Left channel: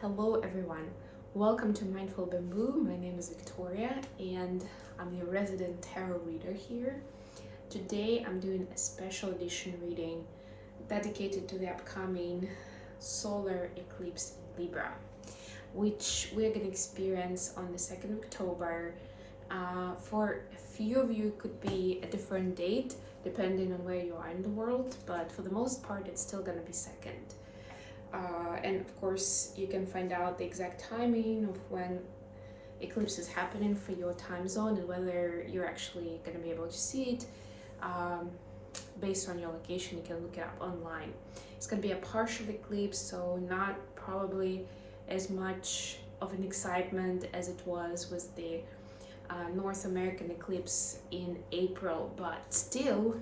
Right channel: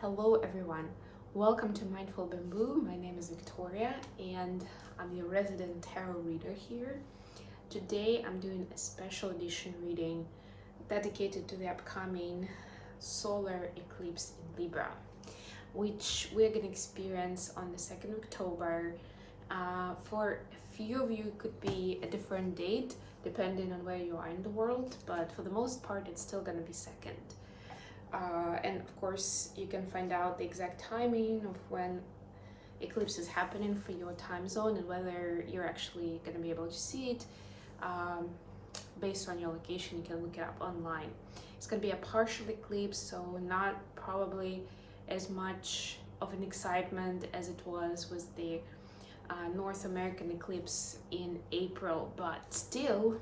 Hello everyone, welcome to Mindful Bamboo. My name is Victoria and I'm your resident tarot reader here. Today I'm doing a special edition reading dedicated to the upcoming solar eclipse in Libra, which we're going to experience on the 2nd of October. For a few of you it could be a different date depending on where you are in the world, but for the most part it's still going to be 2nd. And of course you can find out the exact timing of when eclipse is happening for your time zone and whether you're actually going to be able to see it based on your location. You can look it up online. It's going to be a partial eclipse, so not probably as much of an excitement as it was with the North American eclipse in April, but still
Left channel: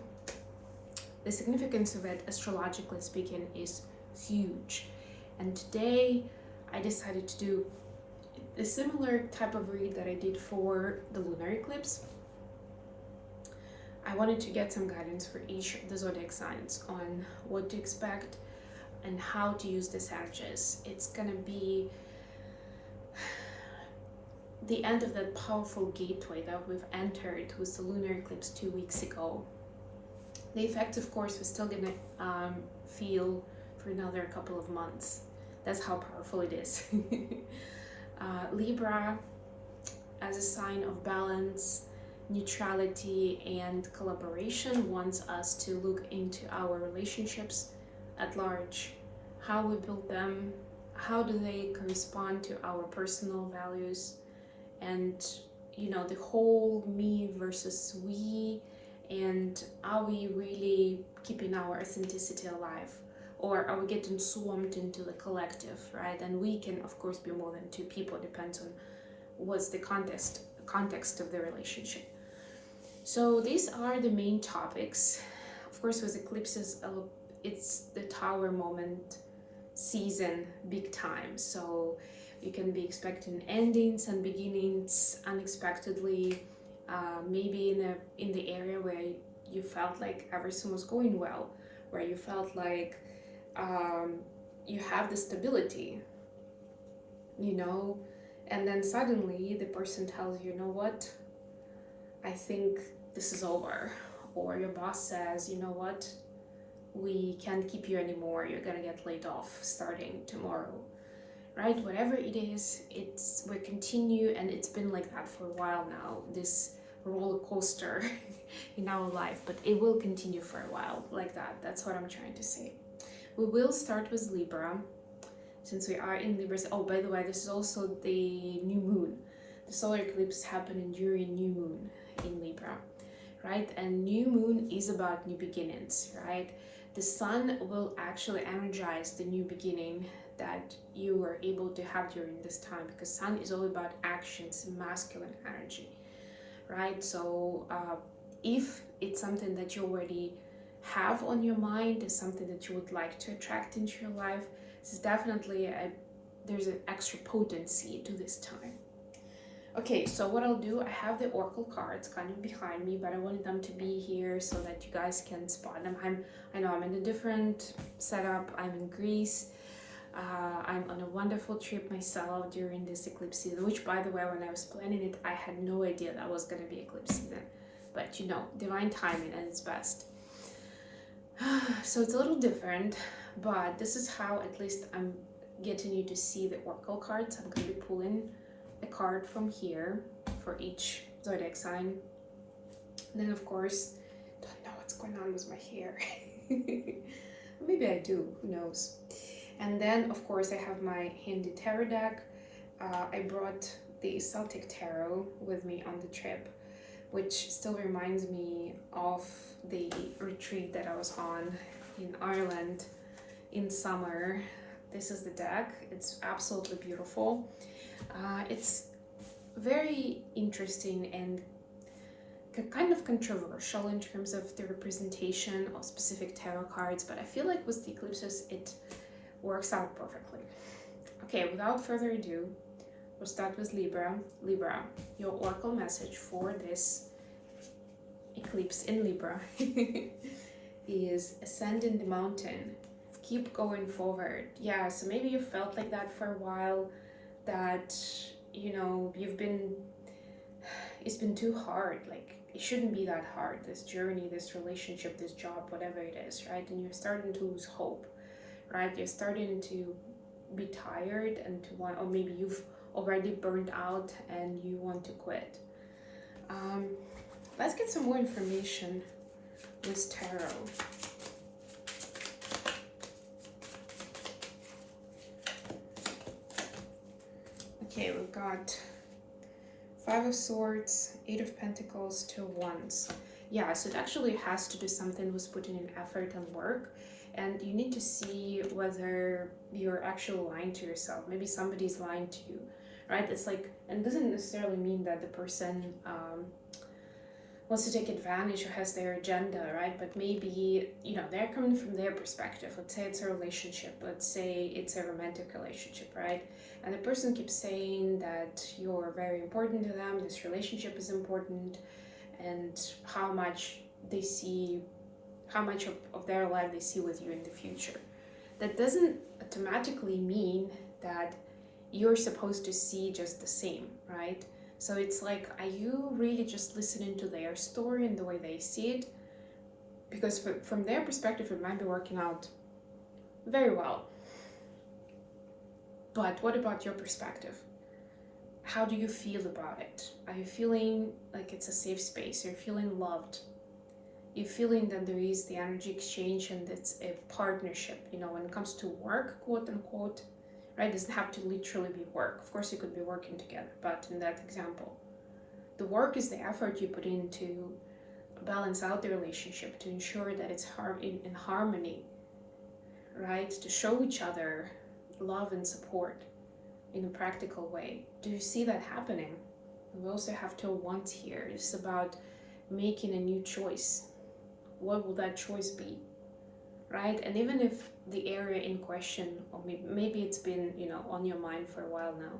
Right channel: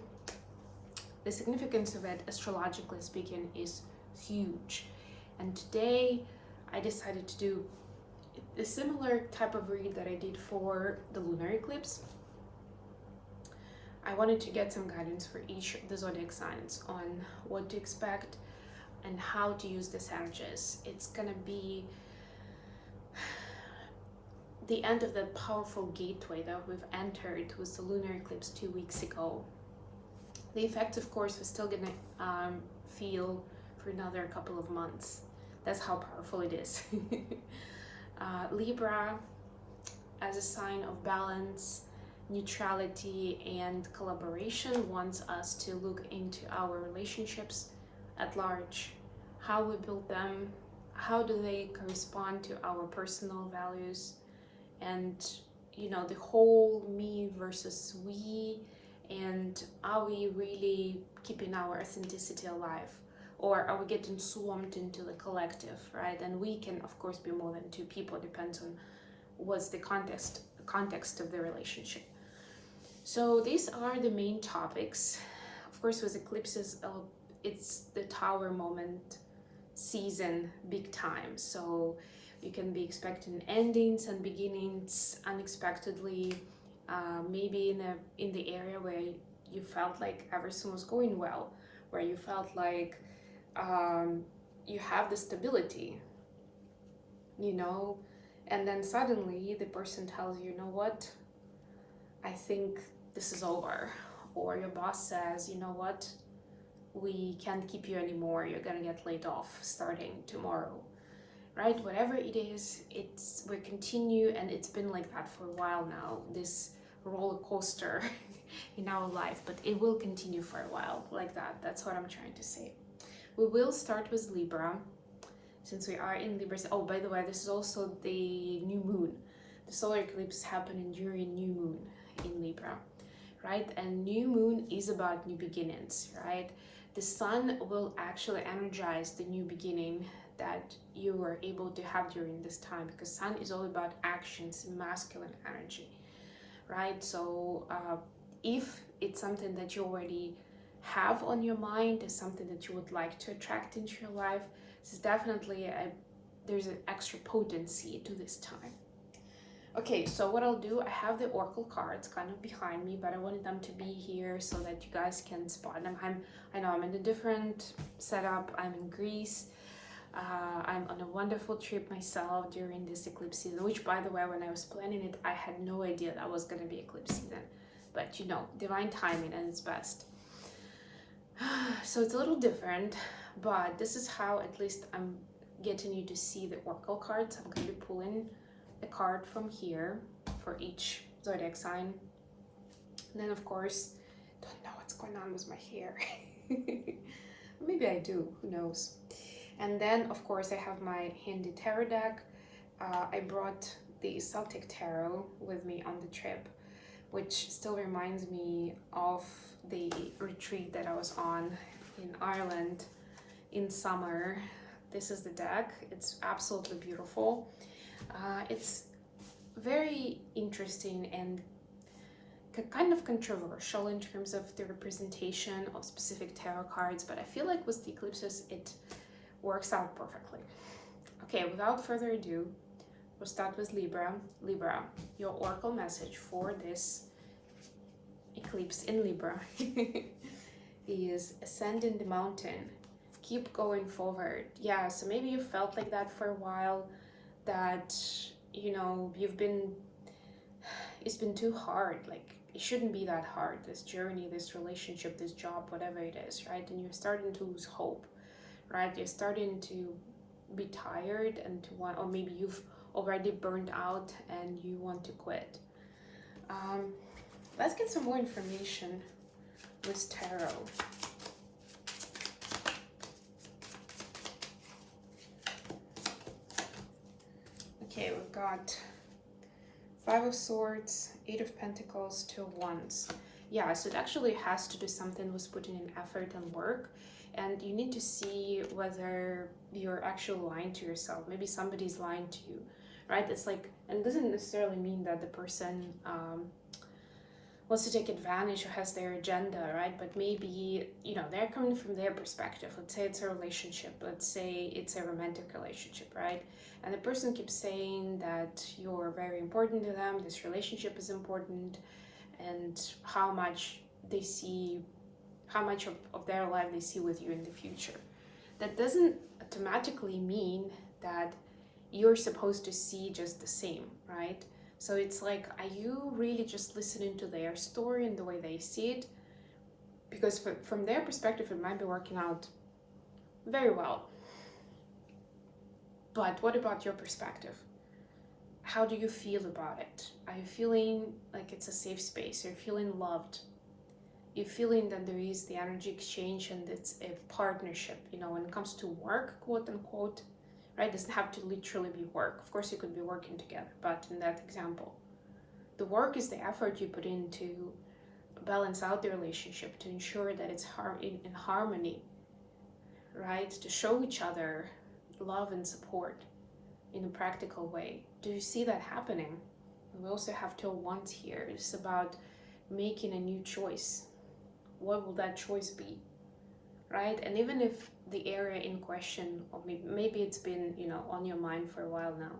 the significance of it, astrologically speaking, is huge. And today I decided to do a similar type of read that I did for the lunar eclipse. I wanted to get some guidance for each of the zodiac signs on what to expect and how to use these energies. It's gonna be the end of that powerful gateway that we've entered with the lunar eclipse 2 weeks ago. The effects, of course, we're still gonna feel for another couple of months. That's how powerful it is. Libra, as a sign of balance, neutrality, and collaboration, wants us to look into our relationships at large, how we build them, how do they correspond to our personal values, and the whole me versus we, and are we really keeping our authenticity alive? Or are we getting swarmed into the collective, right? And we can, of course, be more than two people. Depends on what's the context of the relationship. So these are the main topics. Of course, with eclipses, it's the Tower moment season, big time. So you can be expecting endings and beginnings unexpectedly. Maybe in the area where you felt like everything was going well, where you felt like you have the stability, and then suddenly the person tells you, what, I think this is over. Or your boss says, what, we can't keep you anymore, you're gonna get laid off starting tomorrow, right? Whatever it is, we continue, and it's been like that for a while now, this roller coaster in our life, but it will continue for a while like that. That's what I'm trying to say. We will start with Libra, since we are in Libra. Oh, by the way, this is also the new moon. The solar eclipse happening during new moon in Libra, right? And new moon is about new beginnings, right? The sun will actually energize the new beginning that you were able to have during this time, because sun is all about actions, masculine energy, right? So if it's something that you already have on your mind, is something that you would like to attract into your life, this is definitely there's an extra potency to this time. Okay, so what I'll do, I have the oracle cards kind of behind me, but I wanted them to be here so that you guys can spot them. I know I'm in a different setup. I'm in Greece. I'm on a wonderful trip myself during this eclipse season, which, by the way, when I was planning it, I had no idea that was going to be eclipse season. But divine timing at its best. So it's a little different, but this is how at least I'm getting you to see the oracle cards. I'm going to be pulling a card from here for each zodiac sign. And then, of course, don't know what's going on with my hair. Maybe I do, who knows. And then, of course, I have my handy tarot deck. I brought the Celtic tarot with me on the trip, which still reminds me of the retreat that I was on in Ireland in summer. This is the deck. It's absolutely beautiful. It's very interesting and kind of controversial in terms of the representation of specific tarot cards, but I feel like with the eclipses it works out perfectly. Okay, without further ado, we'll start with Libra. Libra, your oracle message for this eclipse in Libra is ascending the mountain, keep going forward. Yeah, so maybe you felt like that for a while, that, you know, it's been too hard. Like, it shouldn't be that hard, this journey, this relationship, this job, whatever it is, right? And you're starting to lose hope, right? You're starting to be tired and to want, or maybe you've already burned out and you want to quit. Let's get some more information with tarot. Okay, we've got Five of Swords, Eight of Pentacles, Two of Wands. Yeah, so it actually has to do something with putting in effort and work, and you need to see whether you're actually lying to yourself. Maybe somebody's lying to you, right? It's like, and it doesn't necessarily mean that the person wants to take advantage or has their agenda, right? But maybe, you know, they're coming from their perspective. Let's say it's a relationship. Let's say it's a romantic relationship, right? And the person keeps saying that you're very important to them, this relationship is important, and how much they see, how much of their life they see with you in the future. That doesn't automatically mean that you're supposed to see just the same, right? So it's like, are you really just listening to their story and the way they see it? Because from their perspective, it might be working out very well. But what about your perspective? How do you feel about it? Are you feeling like it's a safe space? You're feeling loved? You're feeling that there is the energy exchange and it's a partnership, you know, when it comes to work, quote unquote, right? It doesn't have to literally be work. Of course, you could be working together, but in that example, the work is the effort you put in to balance out the relationship, to ensure that it's in harmony, right? To show each other love and support in a practical way. Do you see that happening? And we also have Two of Wands here. It's about making a new choice. What will that choice be, right? And even if the area in question, or maybe it's been, you know, on your mind for a while now,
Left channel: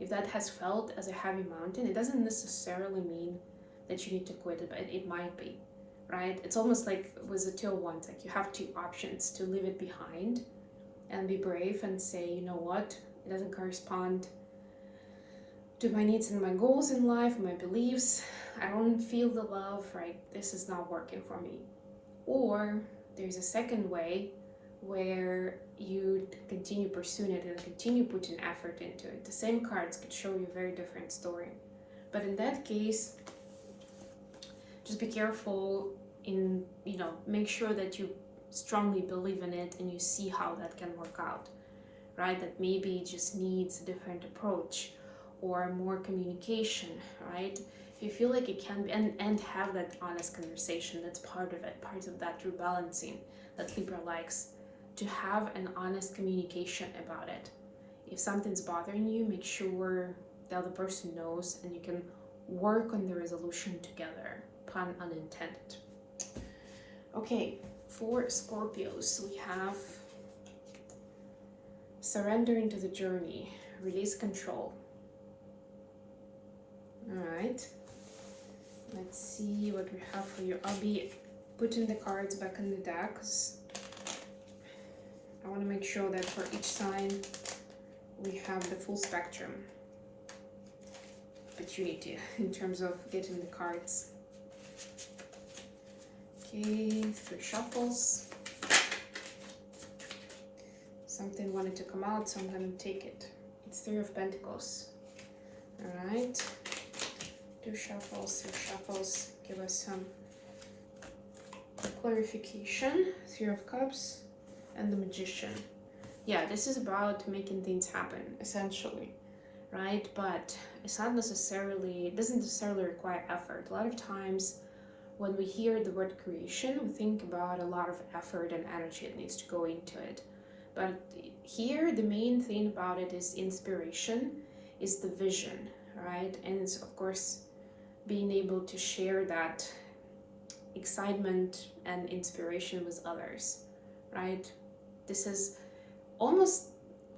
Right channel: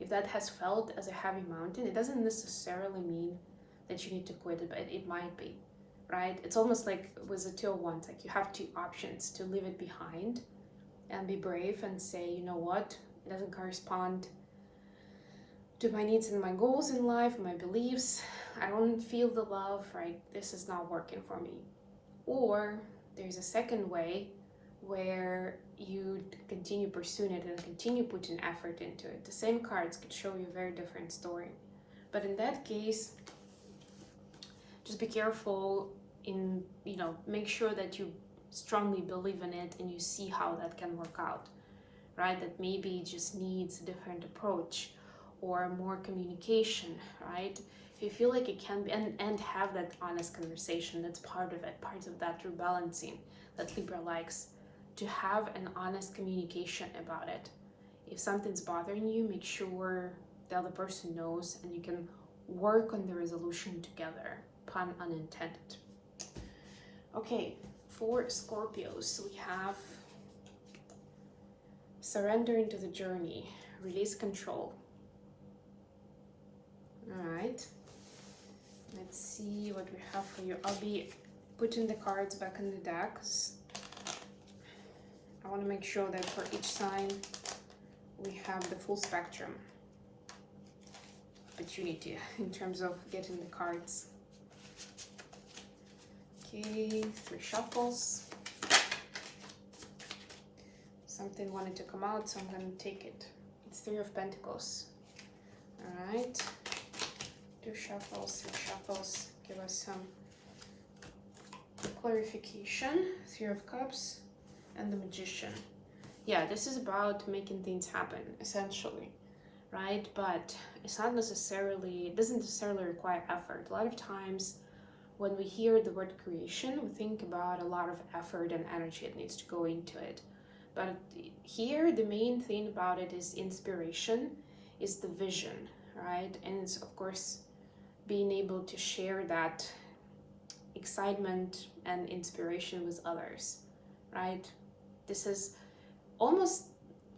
if that has felt as a heavy mountain, it doesn't necessarily mean that you need to quit it, but it might be, right? It's almost like with the Two of Wands, like you have two options: to leave it behind and be brave and say, you know what, it doesn't correspond to my needs and my goals in life, my beliefs. I don't feel the love, right? This is not working for me. Or there's a second way where you continue pursuing it and continue putting effort into it. The same cards could show you a very different story. But in that case, just be careful in, you know, make sure that you strongly believe in it and you see how that can work out, right? That maybe it just needs a different approach or more communication, right? If you feel like it can be, and have that honest conversation, that's part of it, part of that rebalancing that Libra likes, to have an honest communication about it. If something's bothering you, make sure the other person knows and you can work on the resolution together, pun unintended. Okay, for Scorpios, we have surrender into the journey, release control. All right, let's see what we have for you. I'll be putting the cards back in the deck because I want to make sure that for each sign we have the full spectrum opportunity in terms of getting the cards. Okay, 3 shuffles. Something wanted to come out, so I'm going to take it. It's 3 of Pentacles. All right. 2 shuffles, 3 shuffles. Give us some clarification. 3 of Cups and the Magician. Yeah, this is about making things happen, essentially, right? But it's not necessarily, it doesn't necessarily require effort. A lot of times when we hear the word creation, we think about a lot of effort and energy that needs to go into it. But here, the main thing about it is inspiration, is the vision, right? And it's, of course, being able to share that excitement and inspiration with others, right? This is almost,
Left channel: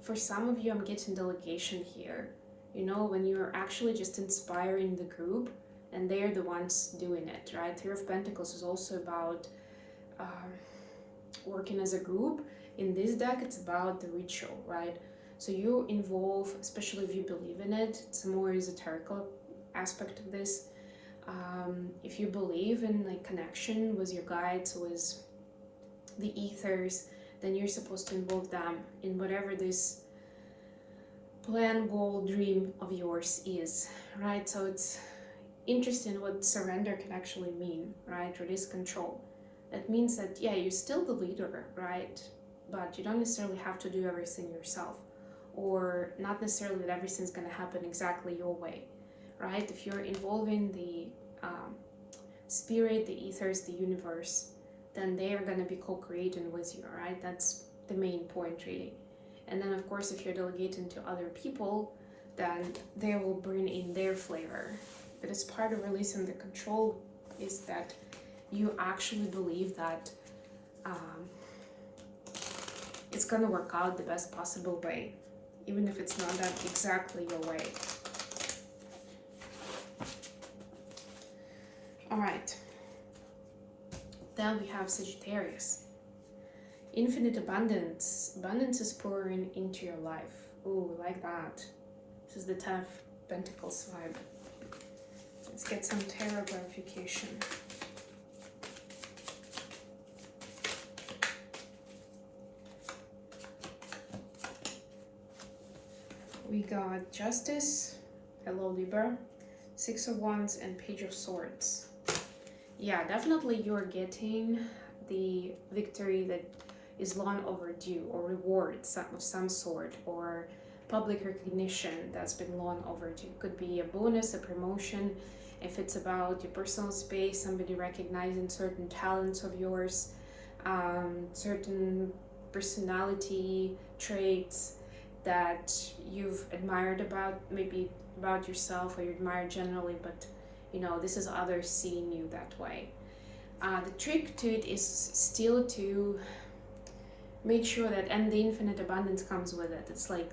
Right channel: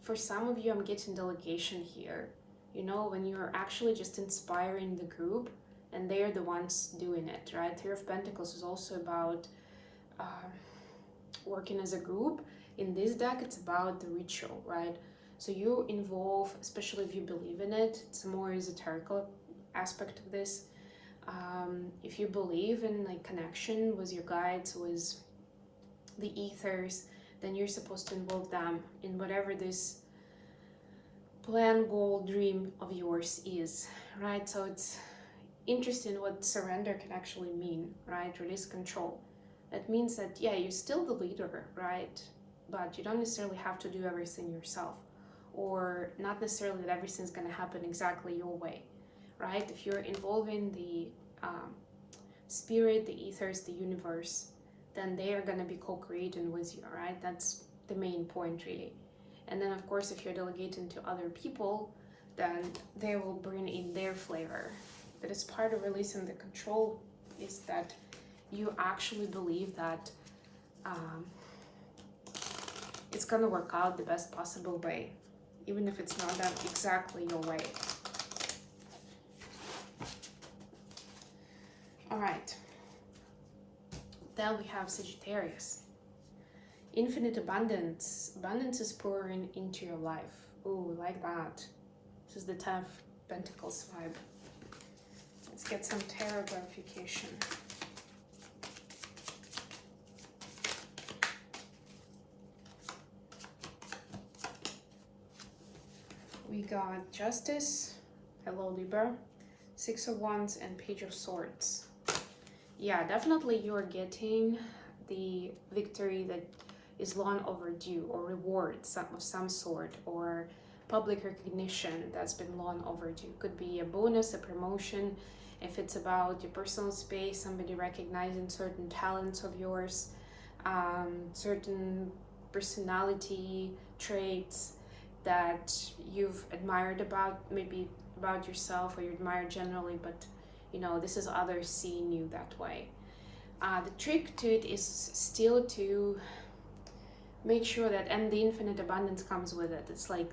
for some of you, I'm getting delegation here. You know, when you're actually just inspiring the group and they're the ones doing it, right? 3 of Pentacles is also about working as a group In this deck, it's about the ritual, right? So you involve, especially if you believe in it, it's a more esoterical aspect of this. If you believe in like connection with your guides, with the ethers, then you're supposed to involve them in whatever this plan, goal, dream of yours is, right? So it's interesting what surrender can actually mean, right? Release control. That means that, yeah, you're still the leader, right? But you don't necessarily have to do everything yourself, or not necessarily that everything's going to happen exactly your way, right? If you're involving the spirit, the ethers, the universe, then they are going to be co-creating with you, right? That's the main point, really. And then, of course, if you're delegating to other people, then they will bring in their flavor. But as part of releasing the control is that you actually believe that it's going to work out the best possible way, even if it's not that exactly your way. All right. Then we have Sagittarius. Infinite abundance. Abundance is pouring into your life. Ooh, like that. This is the 10 of Pentacles vibe. Let's get some tarot clarification. We got Justice. Hello, Libra. 6 of Wands and Page of Swords. Yeah, definitely you're getting the victory that is long overdue, or reward of some sort, or public recognition that's been long overdue. Could be a bonus, a promotion, if it's about your personal space, somebody recognizing certain talents of yours, certain personality traits that you've admired about, maybe about yourself, or you admire generally, but you know, this is others seeing you that way. The trick to it is still to make sure that, and the infinite abundance comes with it. It's like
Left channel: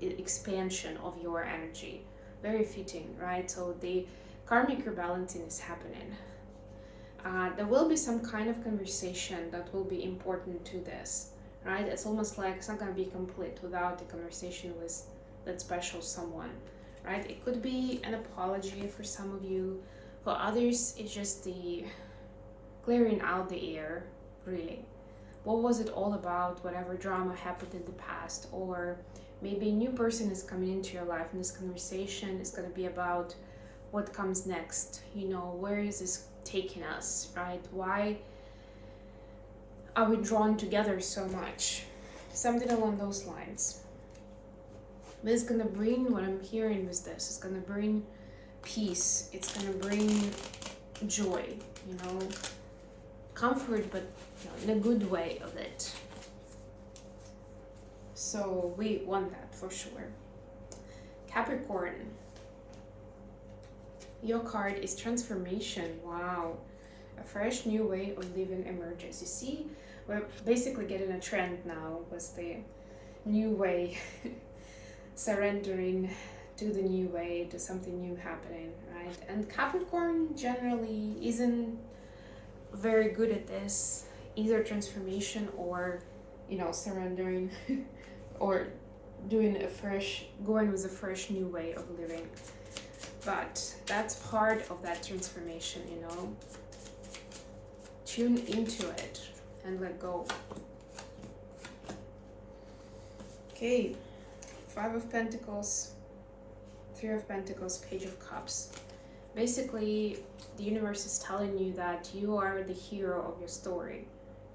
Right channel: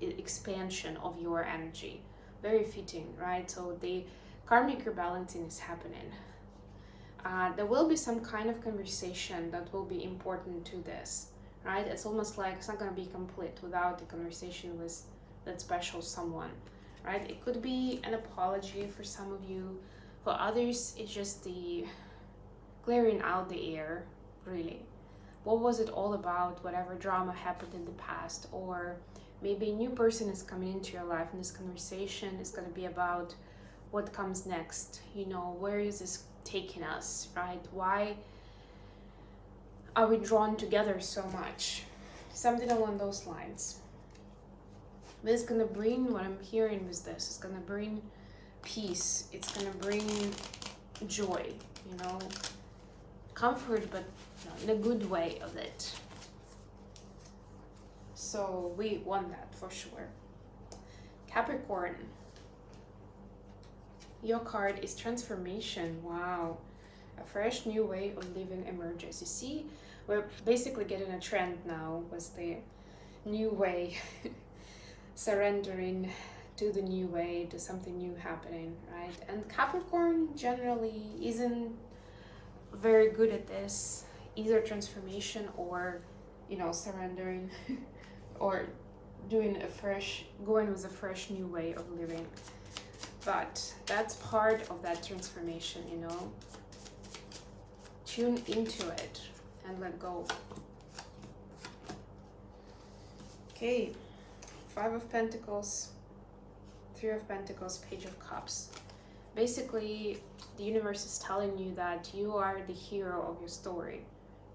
expansion of your energy. Very fitting, right? So the karmic rebalancing is happening. There will be some kind of conversation that will be important to this, right? It's almost like it's not going to be complete without the conversation with that special someone, right? It could be an apology for some of you. For others, it's just the clearing out the air, really. What was it all about? Whatever drama happened in the past, or maybe a new person is coming into your life, and this conversation is going to be about what comes next. You know, where is this taking us, right? Why are we drawn together so much? Something along those lines. But it's going to bring, what I'm hearing with this, it's going to bring peace. It's going to bring joy, you know, comfort, but you know, in a good way of it. So we want that for sure. Capricorn. Your card is transformation. Wow. A fresh new way of living emerges. You see, we're basically getting a trend now with the new way. Surrendering to the new way, to something new happening, right? And Capricorn generally isn't very good at this, either transformation or, you know, surrendering or doing going with a fresh new way of living. But that's part of that transformation, you know. Tune into it and let go. Okay, 5 of Pentacles, 3 of Pentacles, Page of Cups. Basically, the universe is telling you that you are the hero of your story,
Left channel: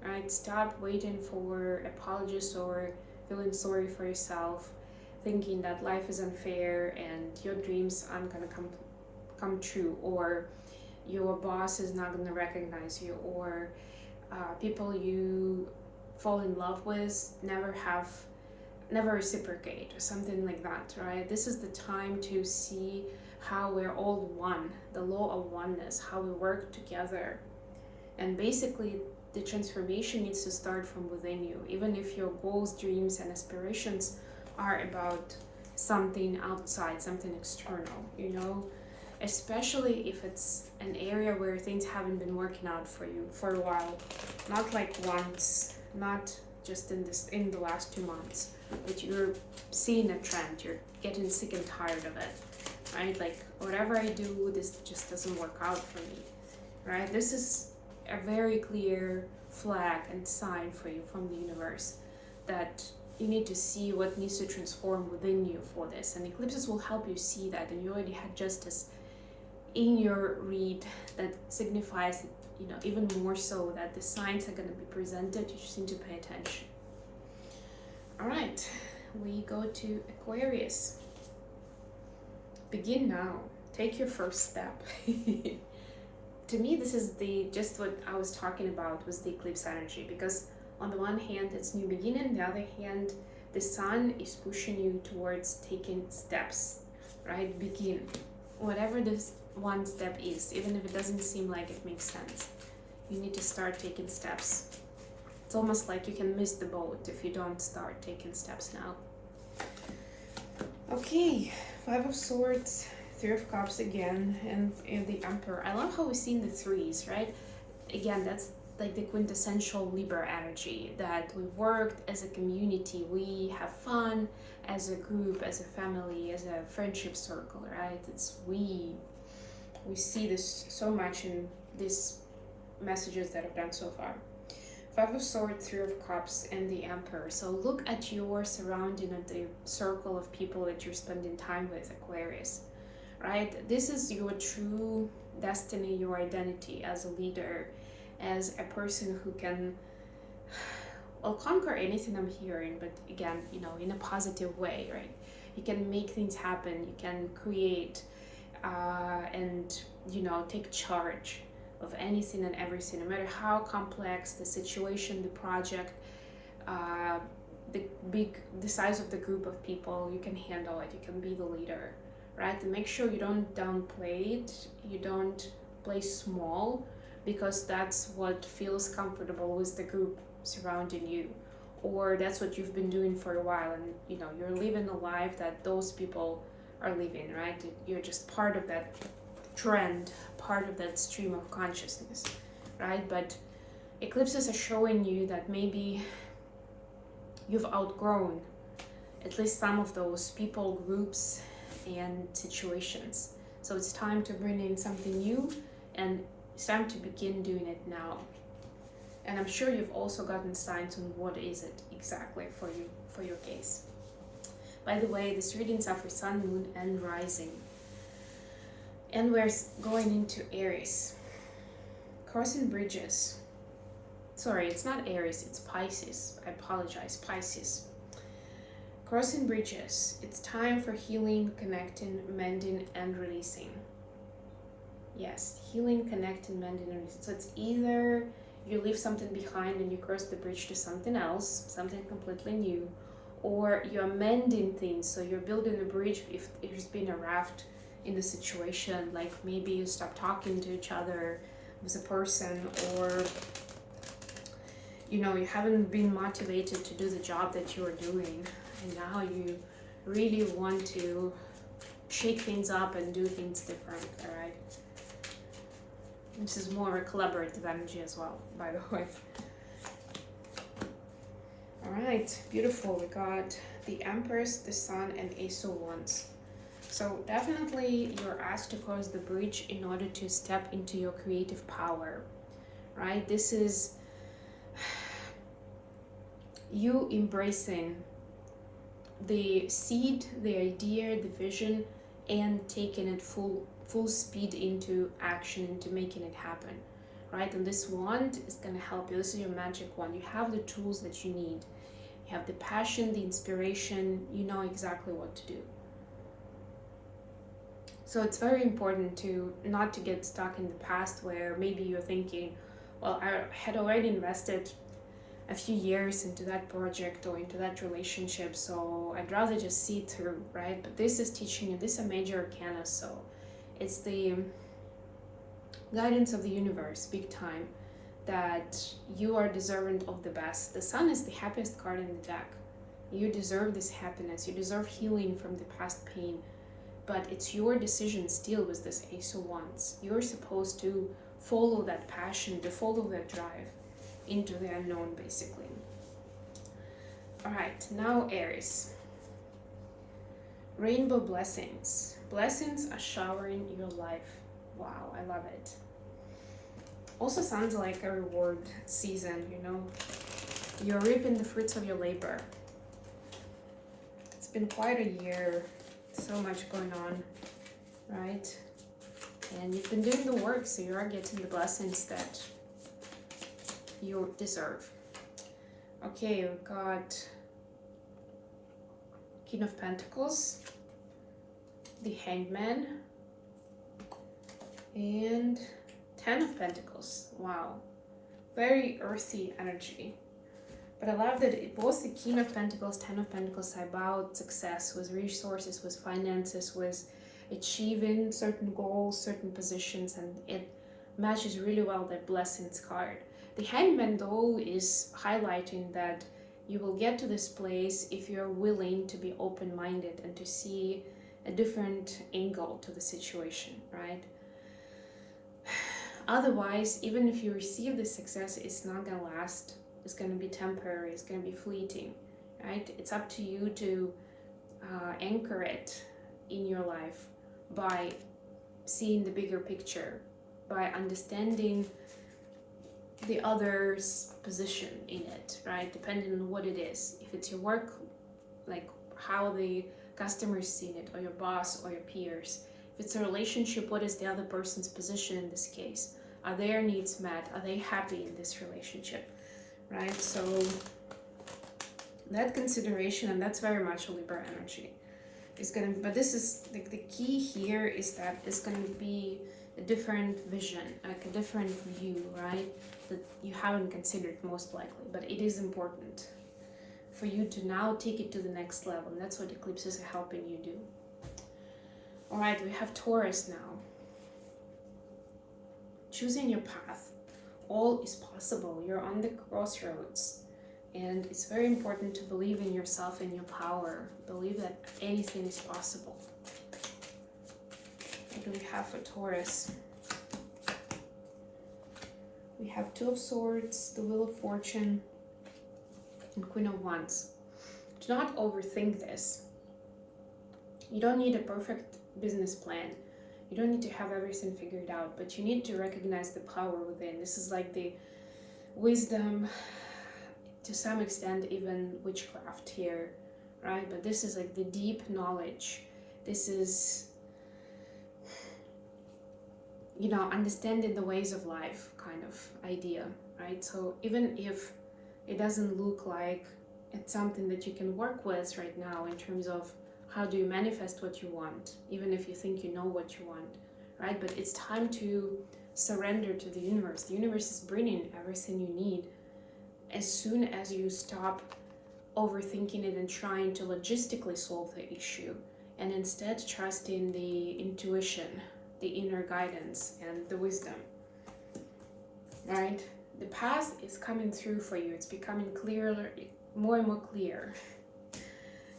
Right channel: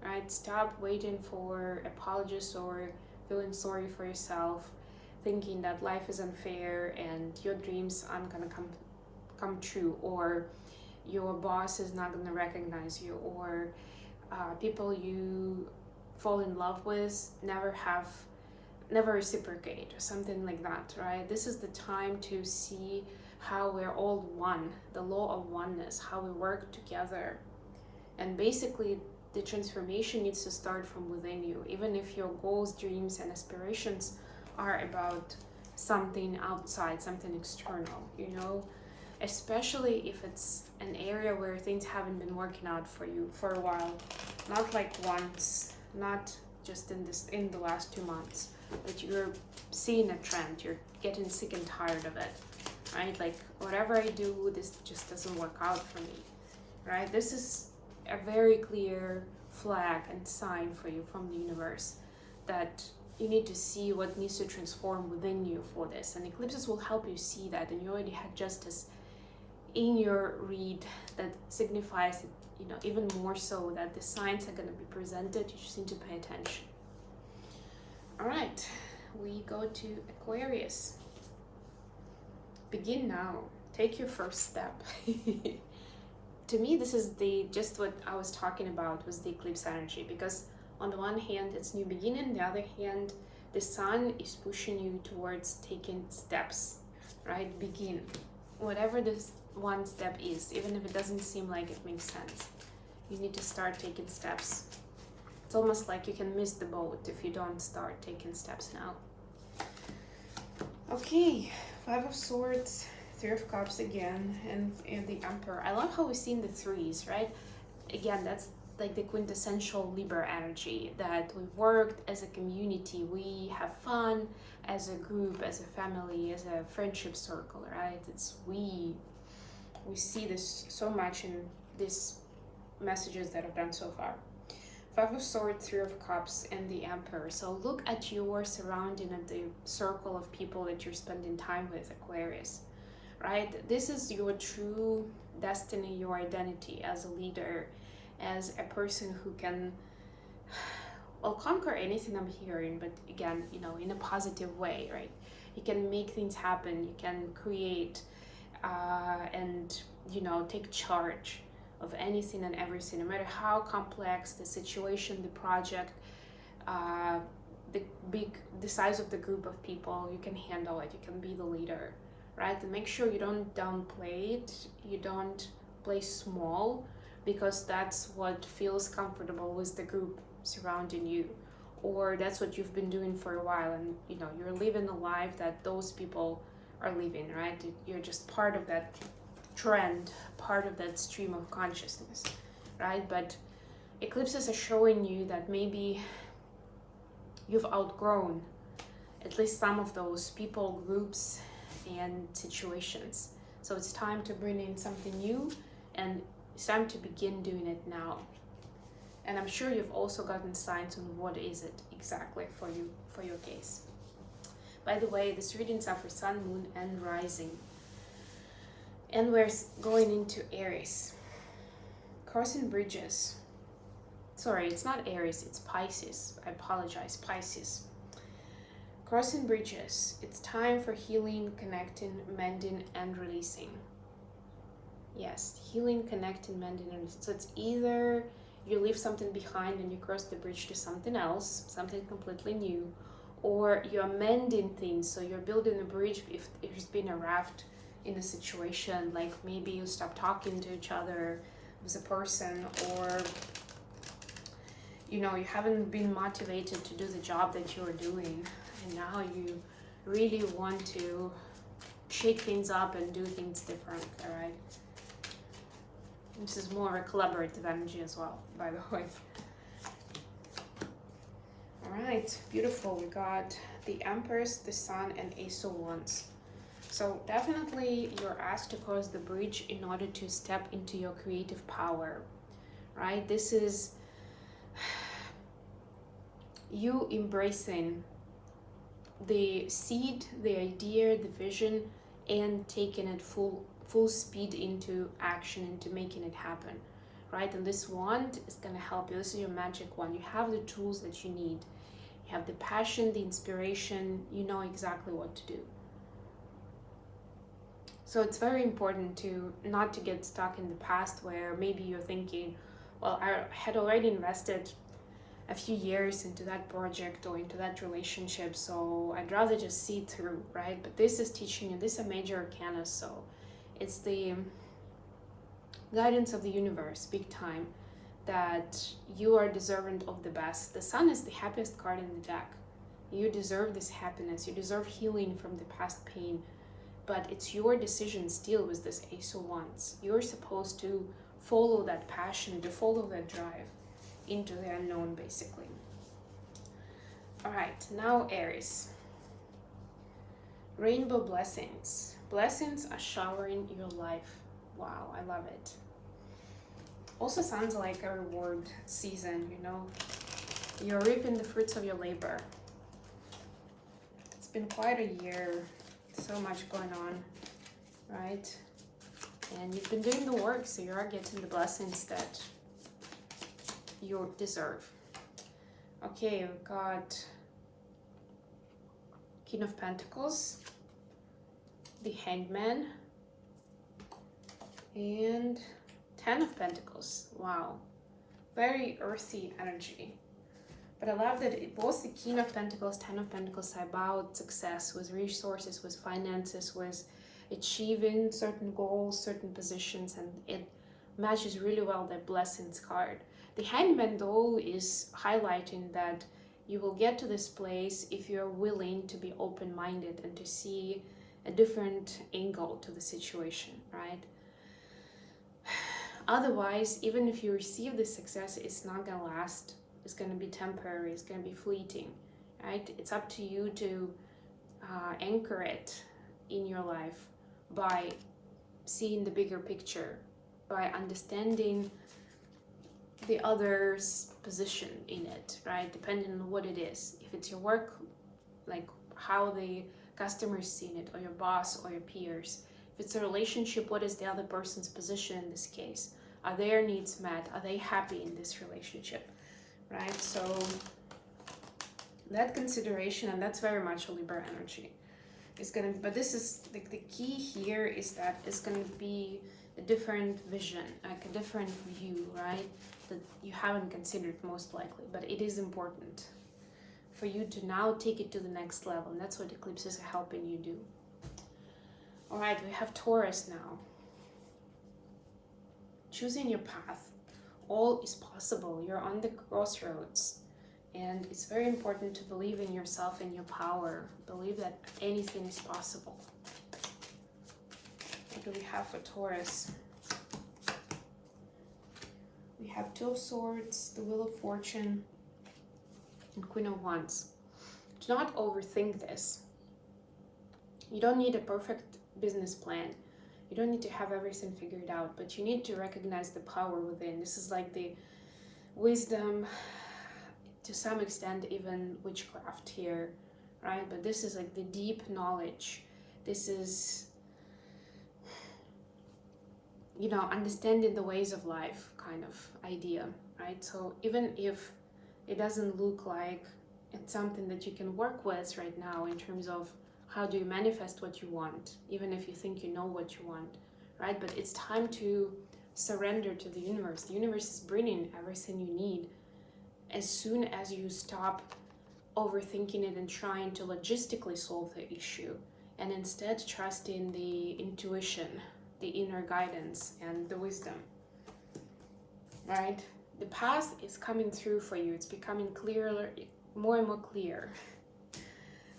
right? Stop waiting for apologies or feeling sorry for yourself, thinking that life is unfair and your dreams aren't gonna come true, or your boss is not gonna recognize you, or people you fall in love with never reciprocate, or something like that, right? This is the time to see how we're all one, the law of oneness, how we work together. And basically, the transformation needs to start from within you, even if your goals, dreams, and aspirations are about something outside, something external, you know, especially if it's an area where things haven't been working out for you for a while, not like once, not just in the last 2 months, that you're seeing a trend, you're getting sick and tired of it, right? Like, whatever I do, this just doesn't work out for me, right? This is a very clear flag and sign for you from the universe that you need to see what needs to transform within you for this. And eclipses will help you see that. And you already had justice in your read that signifies, you know, even more so that the signs are going to be presented. You just need to pay attention. All right, we go to Aquarius. Begin now. Take your first step. To me, this is just what I was talking about was the eclipse energy, because on the one hand, it's new beginning. On the other hand, the sun is pushing you towards taking steps, right? Begin. Whatever this one step is, even if it doesn't seem like it makes sense, you need to start taking steps. It's almost like you can miss the boat if you don't start taking steps now. Okay, Five of Swords, Three of Cups again, and the Emperor. I love how we've seen the threes, right? Again, that's like the quintessential Libra energy, that we worked as a community, we have fun as a group, as a family, as a friendship circle, right? It's we see this so much in these messages that I've done so far. Five of Swords, Three of Cups, and the Emperor. So look at your surrounding, at the circle of people that you're spending time with, Aquarius, right? This is your true destiny, your identity as a leader, as a person who can, well, conquer anything I'm hearing, but again, you know, in a positive way, right? You can make things happen, you can create and, you know, take charge of anything and everything, no matter how complex the situation, the project, the size of the group of people, you can handle it, you can be the leader, right? And make sure you don't downplay it, you don't play small, because that's what feels comfortable with the group surrounding you, or that's what you've been doing for a while, and you know, you're living a life that those people are living, right? You're just part of that trend, part of that stream of consciousness, right? But eclipses are showing you that maybe you've outgrown at least some of those people, groups, and situations. So it's time to bring in something new, and it's time to begin doing it now. And I'm sure you've also gotten signs on what is it exactly for you, for your case. By the way, these readings are for Sun, Moon, and Rising. And we're going into Aries. Crossing bridges. Sorry, it's not Aries, it's Pisces. I apologize, Pisces. Crossing bridges. It's time for healing, connecting, mending, and releasing. Yes, healing, connecting, mending, and releasing. So it's either you leave something behind and you cross the bridge to something else, something completely new, or you're mending things. So you're building a bridge if there's been a raft in a situation, like maybe you stop talking to each other with a person, or you know, you haven't been motivated to do the job that you were doing, and now you really want to shake things up and do things different. All right, this is more a collaborative energy as well, by the way. All right, beautiful. We got the Empress, the Sun, and Ace of Wands. So definitely you're asked to cross the bridge in order to step into your creative power, right? This is you embracing the seed, the idea, the vision, and taking it full speed into action, into making it happen, right? And this wand is going to help you. This is your magic wand. You have the tools that you need. You have the passion, the inspiration. You know exactly what to do. So it's very important to not to get stuck in the past, where maybe you're thinking, well, I had already invested a few years into that project or into that relationship, so I'd rather just see it through, right? But this is teaching you, this is a major arcana, so it's the guidance of the universe, big time, that you are deserving of the best. The Sun is the happiest card in the deck. You deserve this happiness, you deserve healing from the past pain, but it's your decision still with this Ace of Wands. You're supposed to follow that passion, to follow that drive into the unknown, basically. All right, now Aries. Rainbow blessings. Blessings are showering your life. Wow, I love it. Also sounds like a reward season, you know. You're reaping the fruits of your labor. It's been quite a year, so much going on, right? And you've been doing the work, so you are getting the blessings that you deserve. Okay, we've got King of Pentacles, the Hangman, and Ten of Pentacles. Wow, very earthy energy. But I love that both the King of Pentacles, Ten of Pentacles are about success with resources, with finances, with achieving certain goals, certain positions, and it matches really well that Blessings card. The Hangman though is highlighting that you will get to this place if you're willing to be open-minded and to see a different angle to the situation, right? Otherwise, even if you receive the success, it's not gonna last. It's gonna be temporary, it's gonna be fleeting, right? It's up to you to anchor it in your life by seeing the bigger picture, by understanding the other's position in it, right? Depending on what it is. If it's your work, like how the customer's seeing it, or your boss or your peers. If it's a relationship, what is the other person's position in this case? Are their needs met? Are they happy in this relationship, right? So that consideration, and that's very much a Libra energy, is gonna, but this is like the key here is that it's gonna be a different vision, like a different view, right? That you haven't considered most likely, but it is important for you to now take it to the next level, and that's what eclipses are helping you do. All right, we have Taurus now. Choosing your path. All is possible. You're on the crossroads, and it's very important to believe in yourself and your power. Believe that anything is possible. What do we have for Taurus? We have Two of Swords, the Wheel of Fortune, and Queen of Wands. Do not overthink this. You don't need a perfect business plan. You don't need to have everything figured out, but you need to recognize the power within. This is like the wisdom, to some extent even witchcraft here, right? But this is like the deep knowledge. This is, you know, understanding the ways of life kind of idea, right? So even if it doesn't look like it's something that you can work with right now in terms of how do you manifest what you want, even if you think you know what you want, right? But it's time to surrender to the universe. The universe is bringing everything you need as soon as you stop overthinking it and trying to logistically solve the issue, and instead trust in the intuition, the inner guidance, and the wisdom, right? The path is coming through for you. It's becoming clearer, more and more clear.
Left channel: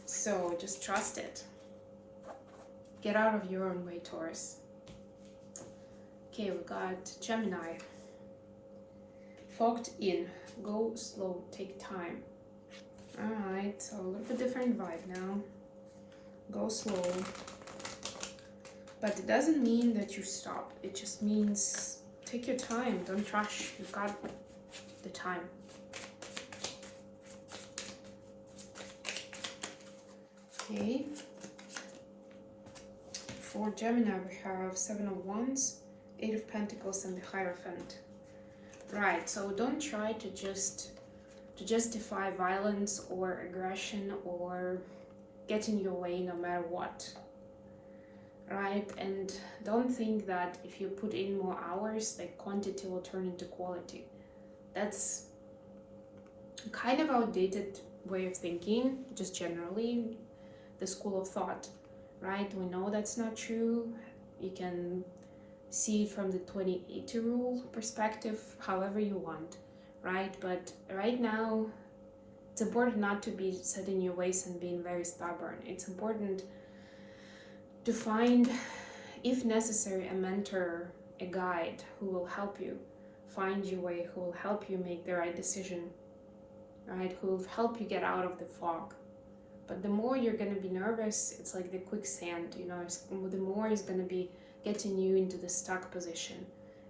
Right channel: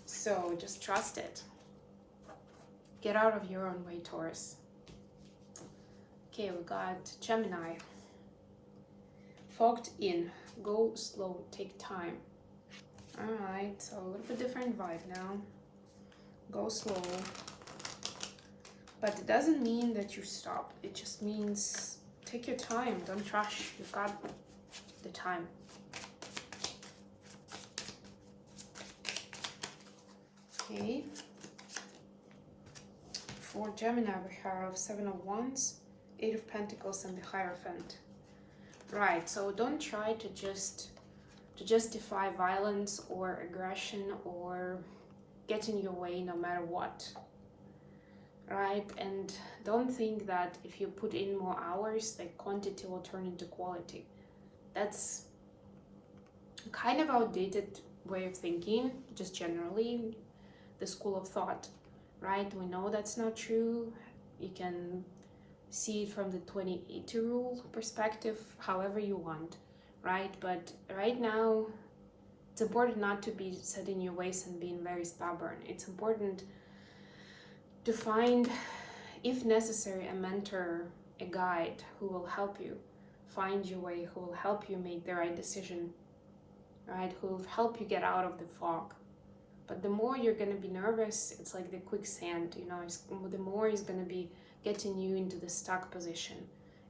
So just trust it. Get out of your own way, Taurus. Okay, we got Gemini. Fogged in. Go slow. Take time. Alright, so a little bit different vibe now. Go slow. But it doesn't mean that you stop. It just means take your time. Don't rush. You've got the time. Okay. For Gemini, we have Seven of Wands, Eight of Pentacles, and the Hierophant. Right, so don't try to justify violence or aggression or get in your way no matter what. Right, and don't think that if you put in more hours, like quantity will turn into quality. That's kind of outdated way of thinking, just generally the school of thought, right? We know that's not true. You can see it from the 2080 rule perspective, however you want, right? But right now, it's important not to be set in your ways and being very stubborn. It's important to find, if necessary, a mentor, a guide who will help you find your way, who will help you make the right decision, right? Who help you get out of the fog. But the more you're going to be nervous, it's like the quicksand, you know, the more it's going to be getting you into the stuck position.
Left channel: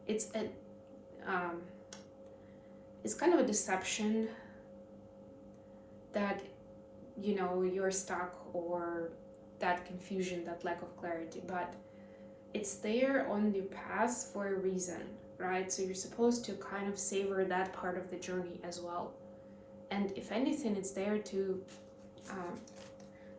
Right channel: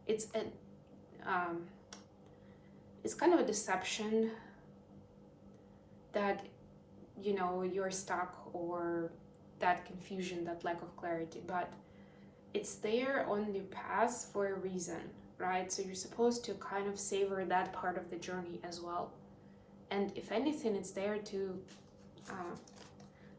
It's kind of a deception that, you know, you're stuck, or that confusion, that lack of clarity, but it's there on the path for a reason, right? So you're supposed to kind of savor that part of the journey as well. And if anything, it's there to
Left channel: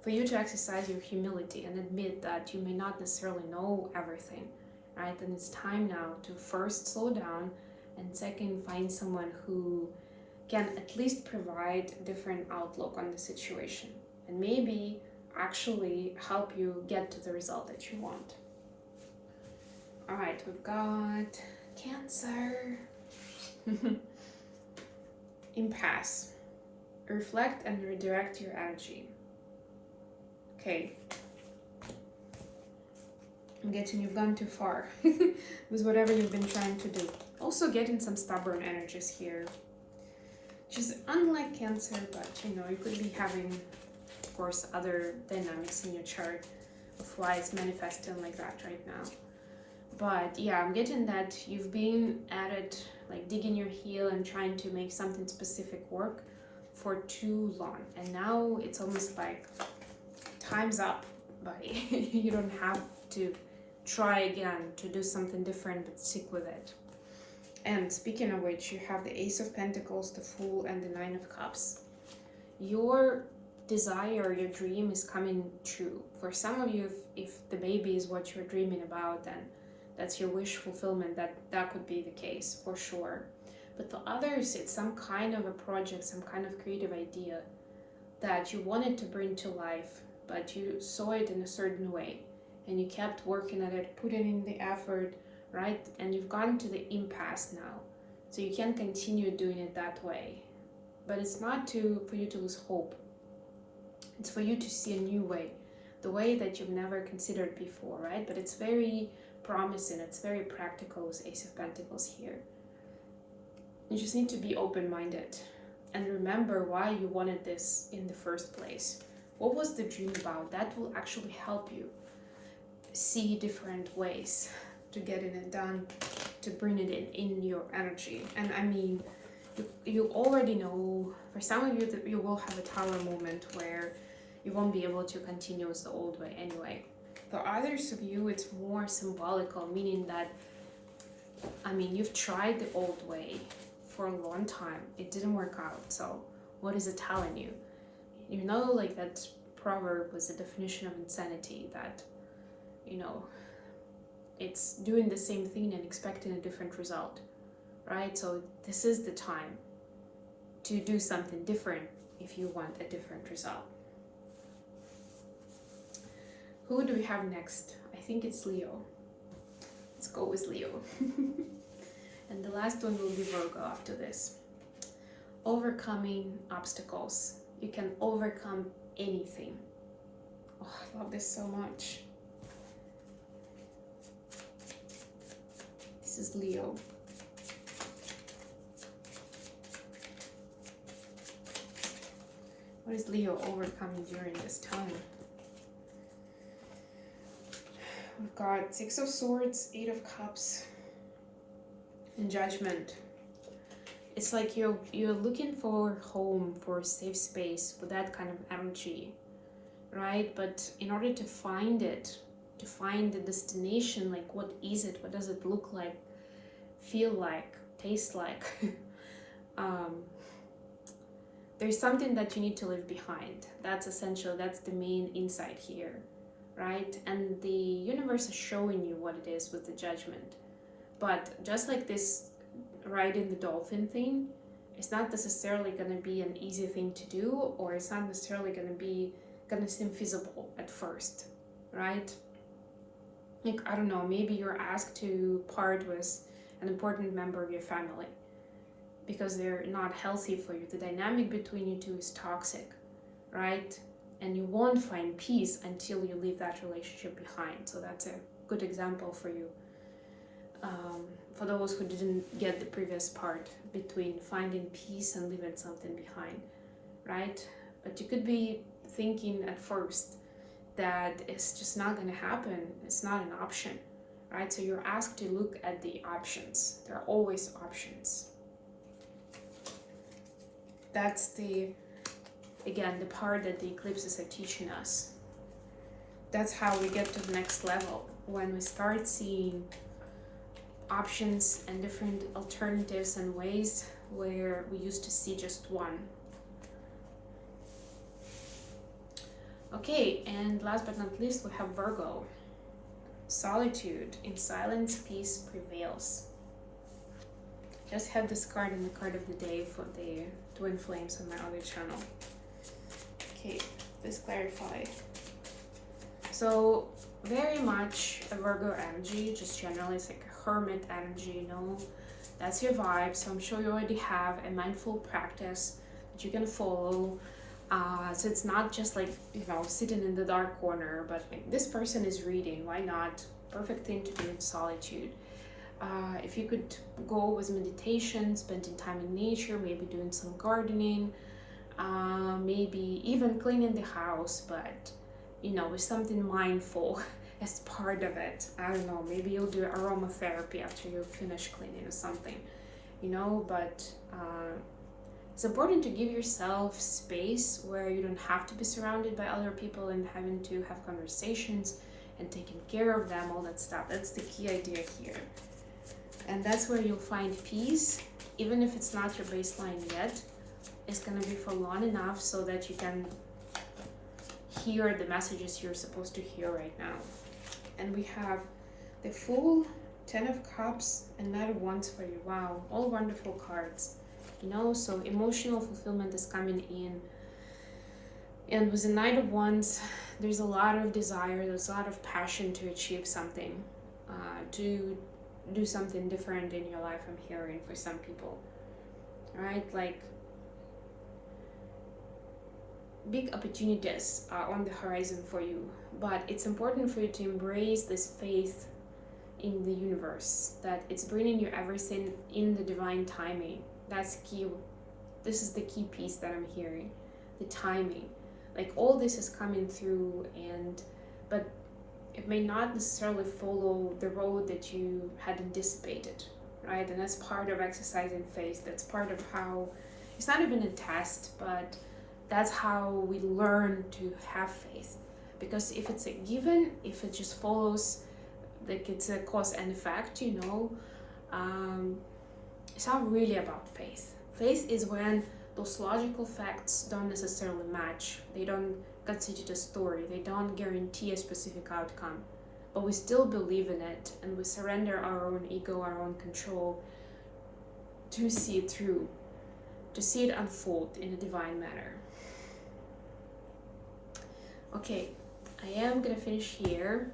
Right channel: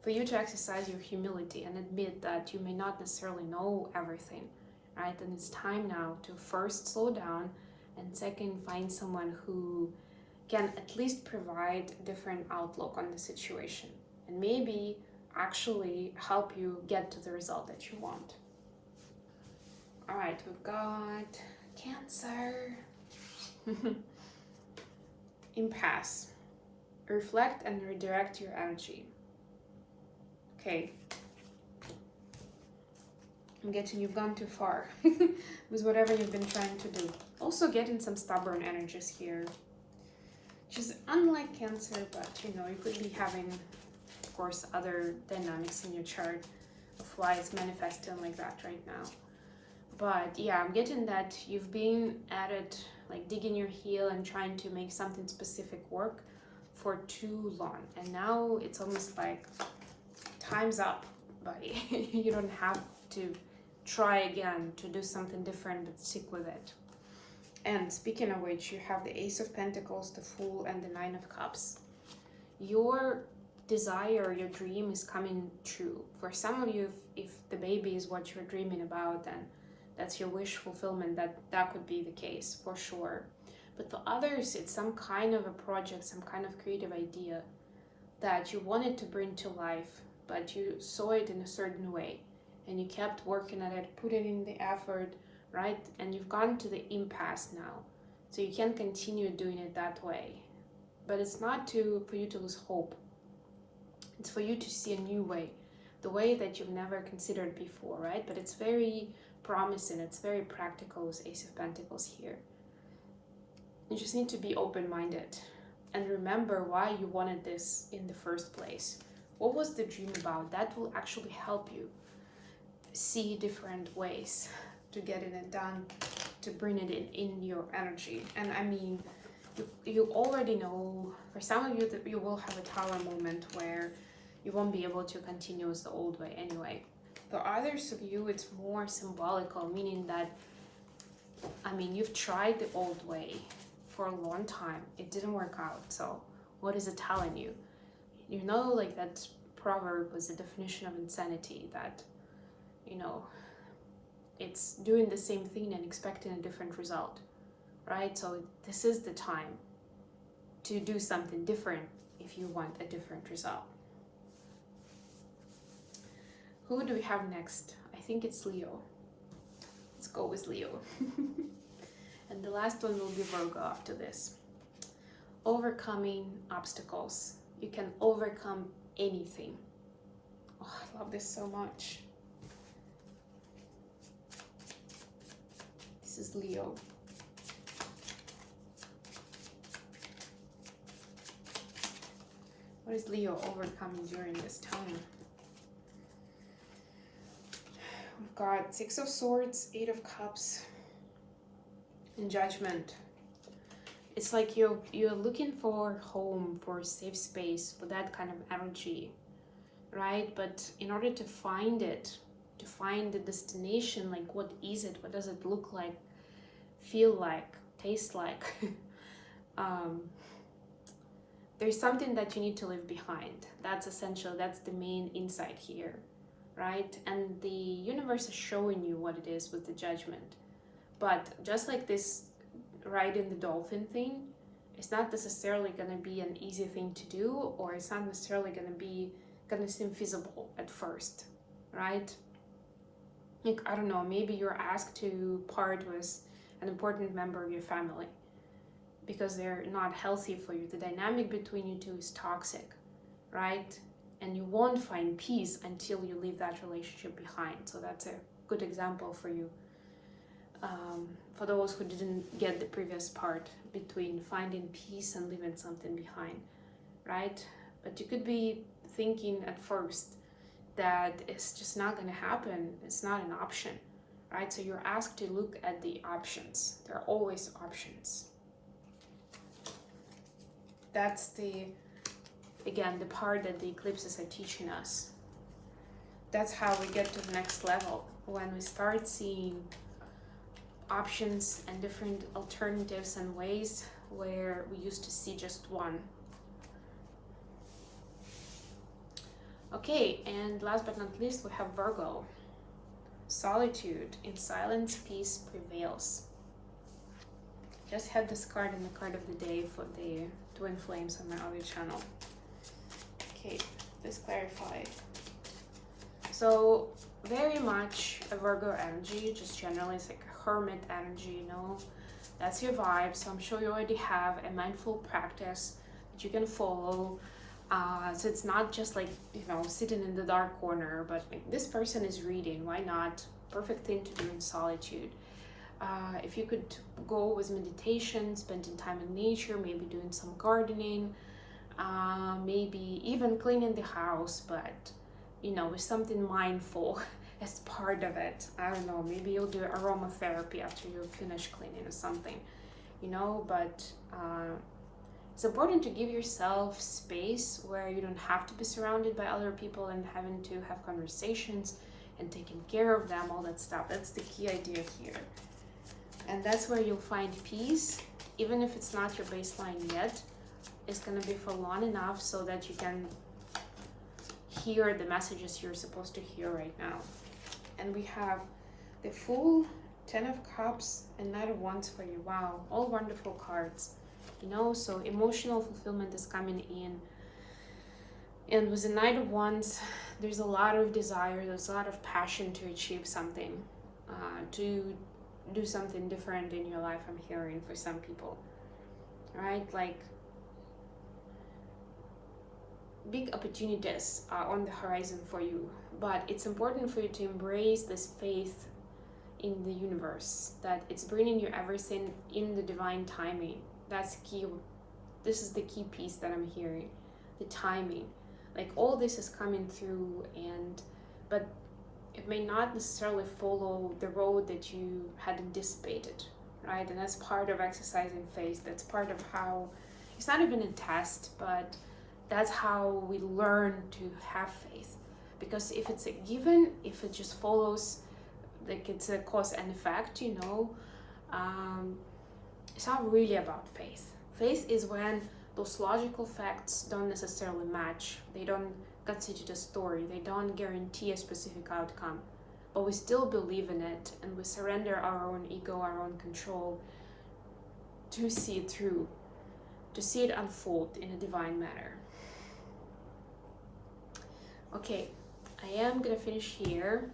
for you to exercise your humility and admit that you may not necessarily know everything, right? And it's time now to first slow down, and second, find someone who can at least provide a different outlook on the situation, and maybe actually help you get to the result that you want. All right, we've got Cancer. Impasse. Reflect and redirect your energy. Okay. I'm getting you've gone too far with whatever you've been trying to do. Also getting some stubborn energies here. Which is unlike Cancer, but you know, you could be having, of course, other dynamics in your chart of lights manifesting like that right now. But yeah, I'm getting that you've been at it, like digging your heel and trying to make something specific work for too long. And now it's almost like time's up, buddy. You don't have to try again to do something different, but stick with it. And speaking of which, you have the Ace of Pentacles, the Fool, and the Nine of Cups. Your desire, your dream is coming true. For some of you, if the baby is what you're dreaming about, then that's your wish fulfillment, that could be the case for sure. But for others, it's some kind of a project, some kind of creative idea that you wanted to bring to life, but you saw it in a certain way and you kept working at it, putting in the effort, right? And you've gotten to the impasse now, so you can't continue doing it that way. But it's not for you to lose hope. It's for you to see a new way, the way that you've never considered before, right? But it's very promising, it's very practical with Ace of Pentacles here. You just need to be open-minded and remember why you wanted this in the first place. What was the dream about? That will actually help you see different ways to getting it done, to bring it in your energy. And I mean, you already know, for some of you, that you will have a Tower moment where you won't be able to continue with the old way anyway. For others of you, it's more symbolical, meaning that, I mean, you've tried the old way for a long time. It didn't work out. So what is it telling you? You know, like that proverb was the definition of insanity, that, you know, it's doing the same thing and expecting a different result, right? So this is the time to do something different if you want a different result. Who do we have next? I think it's Leo. Let's go with Leo. And the last one will be Virgo after this. Overcoming obstacles. You can overcome anything. Oh, I love this so much. This is Leo. What is Leo overcoming during this time? We've got Six of Swords, Eight of Cups, and Judgment. It's like you're looking for home, for a safe space, for that kind of energy, right? But in order to find it, to find the destination, like what is it? What does it look like, feel like, taste like? There's something that you need to leave behind. That's essential. That's the main insight here, right? And the universe is showing you what it is with the Judgment. But just like this riding the dolphin thing, it's not necessarily going to be an easy thing to do, or it's not necessarily going to seem feasible at first, right? Like, I don't know, maybe you're asked to part with an important member of your family because they're not healthy for you. The dynamic between you two is toxic, right? And you won't find peace until you leave that relationship behind. So that's a good example for you. for those who didn't get the previous part between finding peace and leaving something behind, right? But you could be thinking at first that it's just not going to happen. It's not an option, right? So you're asked to look at the options. There are always options. That's again, the part that the eclipses are teaching us. That's how we get to the next level, when we start seeing options and different alternatives and ways where we used to see just one. Okay, and last but not least, we have Virgo. Solitude. In silence, peace prevails. Just had this card in the card of the day for the twin flames on my other channel. Okay, let's clarify. So, very much a Virgo energy, just generally it's like a hermit energy, you know, that's your vibe. So I'm sure you already have a mindful practice that you can follow. So it's not just like, you know, sitting in the dark corner, but like this person is reading, why not? Perfect thing to do in solitude. If you could go with meditation, spending time in nature, maybe doing some gardening, maybe even cleaning the house, but you know, with something mindful as part of it. I don't know, maybe you'll do aromatherapy after you finish cleaning or something, you know, but it's important to give yourself space where you don't have to be surrounded by other people and having to have conversations and taking care of them, all that stuff. That's the key idea here. And that's where you'll find peace, even if it's not your baseline yet. It's going to be for long enough so that you can hear the messages you're supposed to hear right now. And we have the Fool, 10 of Cups, and Knight of Wands for you. Wow, all wonderful cards. You know, so emotional fulfillment is coming in. And with the Knight of Wands, there's a lot of desire, there's a lot of passion to achieve something, to do something different in your life, I'm hearing, for some people. Right? Like, big opportunities are on the horizon for you, but it's important for you to embrace this faith in the universe, that it's bringing you everything in the divine timing. That's key. This is the key piece that I'm hearing, the timing. Like, all this is coming through, but it may not necessarily follow the road that you had anticipated, right? And that's part of exercising faith. That's part of how, it's not even a test, but that's how we learn to have faith. Because if it's a given, if it just follows, like it's a cause and effect, you know, it's not really about faith. Faith is when those logical facts don't necessarily match. They don't constitute a story. They don't guarantee a specific outcome. But we still believe in it, and we surrender our own ego, our own control to see it through, to see it unfold in a divine manner. Okay, I am gonna finish here.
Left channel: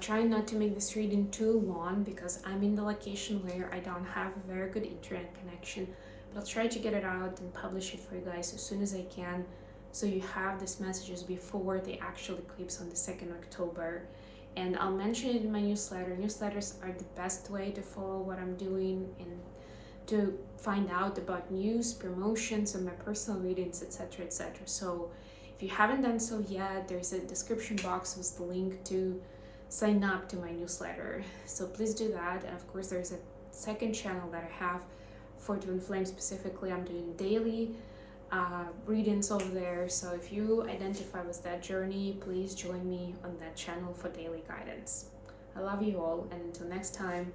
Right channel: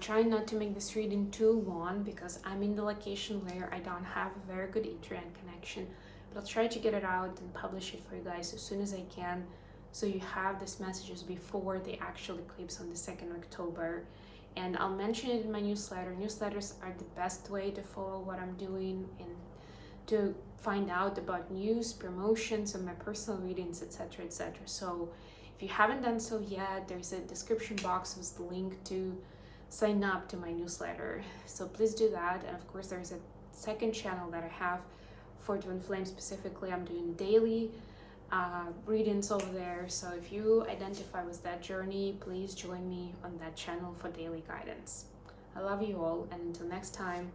Trying not to make this reading too long because I'm in the location where I don't have a very good internet connection, but I'll try to get it out and publish it for you guys as soon as I can, so you have these messages before the actual eclipse on the 2nd October. And I'll mention it in my newsletter. Newsletters are the best way to follow what I'm doing and to find out about news, promotions, and my personal readings, etc., etc. So if you haven't done so yet, there's a description box with the link to sign up to my newsletter. So please do that. And of course, there's a second channel that I have for Twinflame specifically. I'm doing daily readings over there. So if you identify with that journey, please join me on that channel for daily guidance. I love you all, and until next time.